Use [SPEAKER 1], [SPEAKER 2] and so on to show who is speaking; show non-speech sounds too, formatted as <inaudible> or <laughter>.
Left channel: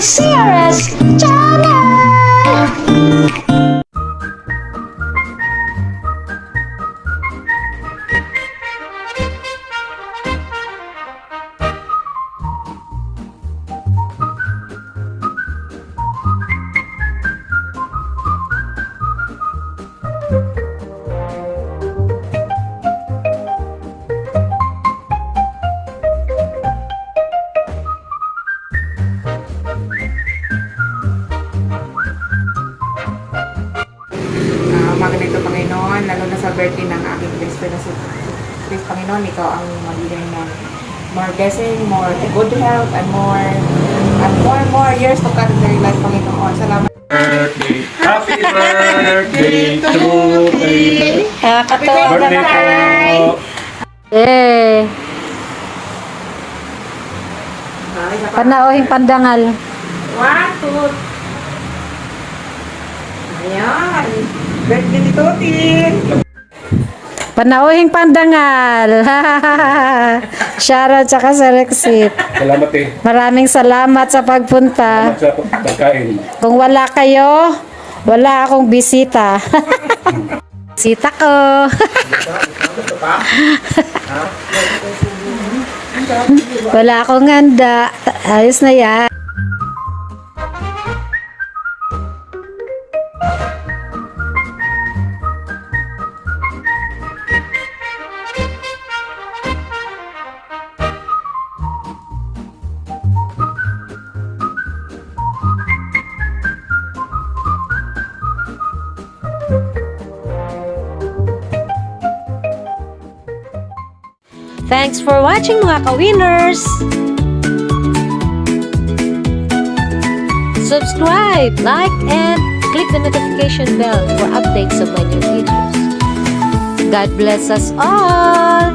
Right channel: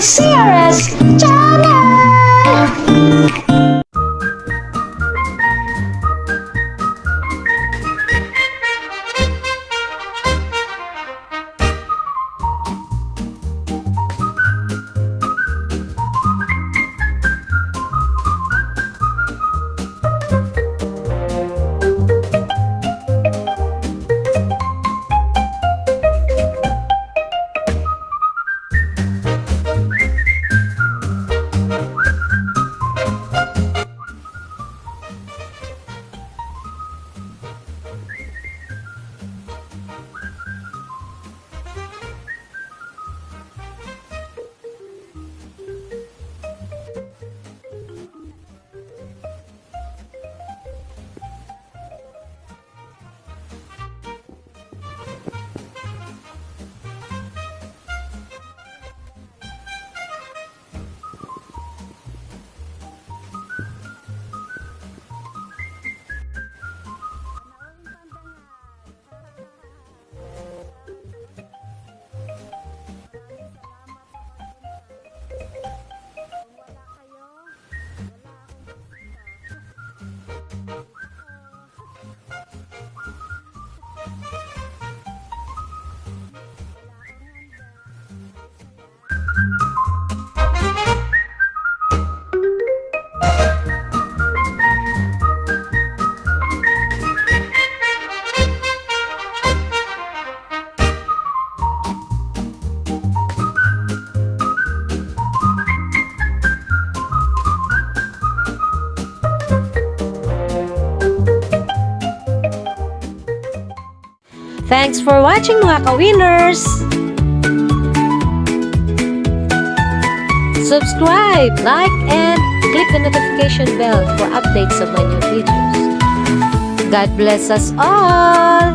[SPEAKER 1] CRS
[SPEAKER 2] birthday ng aking Kristo na si Kristo Panginoon, ikaw ang magbigay ng more blessing, more good health, and more and more more years to come in their life, Panginoon. Salamat.
[SPEAKER 3] birthday. Happy birthday to you.
[SPEAKER 1] Nakakatawa
[SPEAKER 3] Birthday po.
[SPEAKER 1] Eh, panauhing pandangal.
[SPEAKER 2] One, two. Ayan. Birthday ni Tutin.
[SPEAKER 1] Panauhing pandangal. Shoutout sa sa Rexit.
[SPEAKER 3] Salamat eh.
[SPEAKER 1] Maraming salamat sa pagpunta.
[SPEAKER 3] Sa pagkain.
[SPEAKER 1] Kung wala kayo, wala akong bisita. <laughs> bisita ko. <laughs> wala akong handa. Ayos na yan. Thanks for watching mga ka-winners! Subscribe, like, and click the notification bell for updates of my new videos. God bless us all!